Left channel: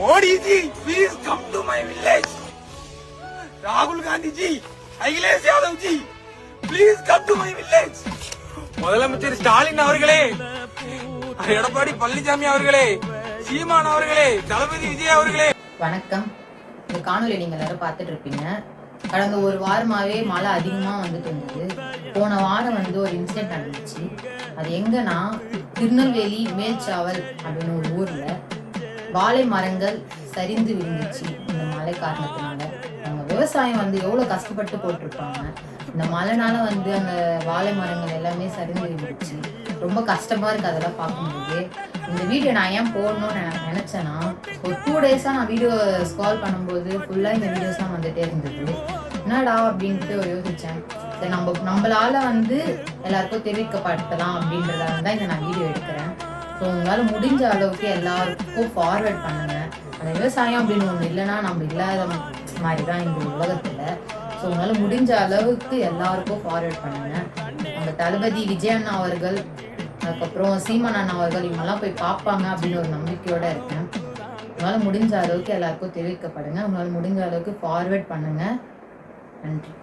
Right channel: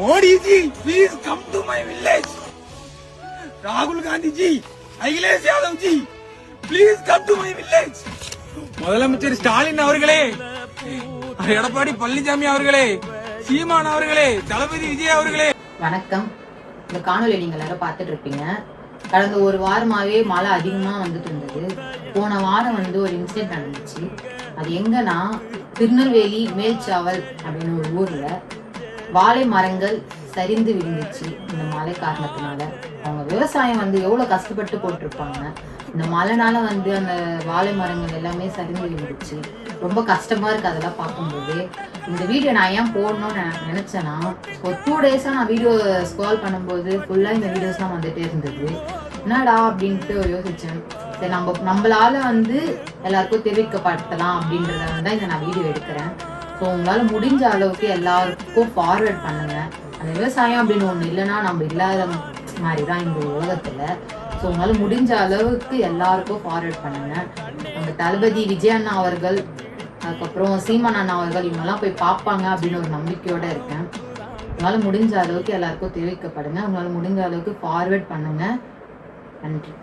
Modi ji, please come to my village. Rahul Gandhi ji, Akhilesh Yadav ji, please come to my village. முதலமைச்சர் ஸ்டாலின் அவர்களே, எடப்பாடி பழனிசாமி அவர்களே, சீமான் அவர்களே, தளபதி விஜய் அவர்களே. வணக்கம். இந்த காணொலி நீங்க எல்லாரும் பார்த்துட்டு இருப்பீங்க. கடந்த ஒரு வாரமாவே மழை அதிகமா வந்துட்டு இருந்தது. போன வாரம் ஒரு இன்சிடென்ட் நடந்துச்சு. அது எங்கன்னா திருநெல்வேலி மேல்சாவல் அப்படின்னு ஒரு ஊர்ல வாழை மரங்கள் சரிந்து விழுந்துச்சு. இந்த மழை காரணத்தினால அவங்க விவசாயம் எவ்வளவு கஷ்டப்பட்டு போட்டிருப்பாங்க. இந்த மழைனால அந்த வாழை மரங்கள் எல்லாமே சரிந்து விழுந்துச்சு. ரொம்ப கஷ்டமா இருக்கு அதெல்லாம் பார்க்கும்போது. இந்த வீடியோ நான் ஏன் போடணும்னு நினைச்சேன்னா, ஒரு 2 days நான் வீடியோ ஸ்க்ரால் பண்ணும்போது ஃபுல்லா இந்த வீடியோஸ்லாம் வந்துட்டே இருந்தது. என்னடா அப்படின்ட்டு யோசிச்சேன். சரி, நம்மளால எல்லாருக்கும் தெரிவிக்கப்பட்டலாம் அப்படின்றதால தான் இதை நான் வீடியோ எடுக்கிறேன். ஸோ உங்களால முடிஞ்ச அளவுக்கு எல்லாருக்கும் ஃபார்வர்ட் பண்ணுங்க. அந்த விவசாயம் அப்படின்னு ஒன்று இல்லைன்னா நம்ம இல்லாத மாதிரி தான் இந்த உலகத்துல. ஸோ உங்களால முடிஞ்ச அளவுக்கு எல்லாருக்கும் ஃபார்வர்ட் பண்ணுங்க. நம்ம தளபதி விஜய் அண்ணா அவர்கள், அதுக்கப்புறம் சீமான் அண்ணா அவர்கள் இவங்கெல்லாம் போய் பார்ப்பாங்க அப்படின்னு ஒரு நம்பிக்கையோட இருக்கேன். உங்களால முடிஞ்ச அளவுக்கு எல்லாருக்கும் தெரிவிக்கப்படுங்க. உங்களால முடிஞ்ச அளவுக்கு ஃபார்வர்ட் பண்ணுங்க. நன்றி.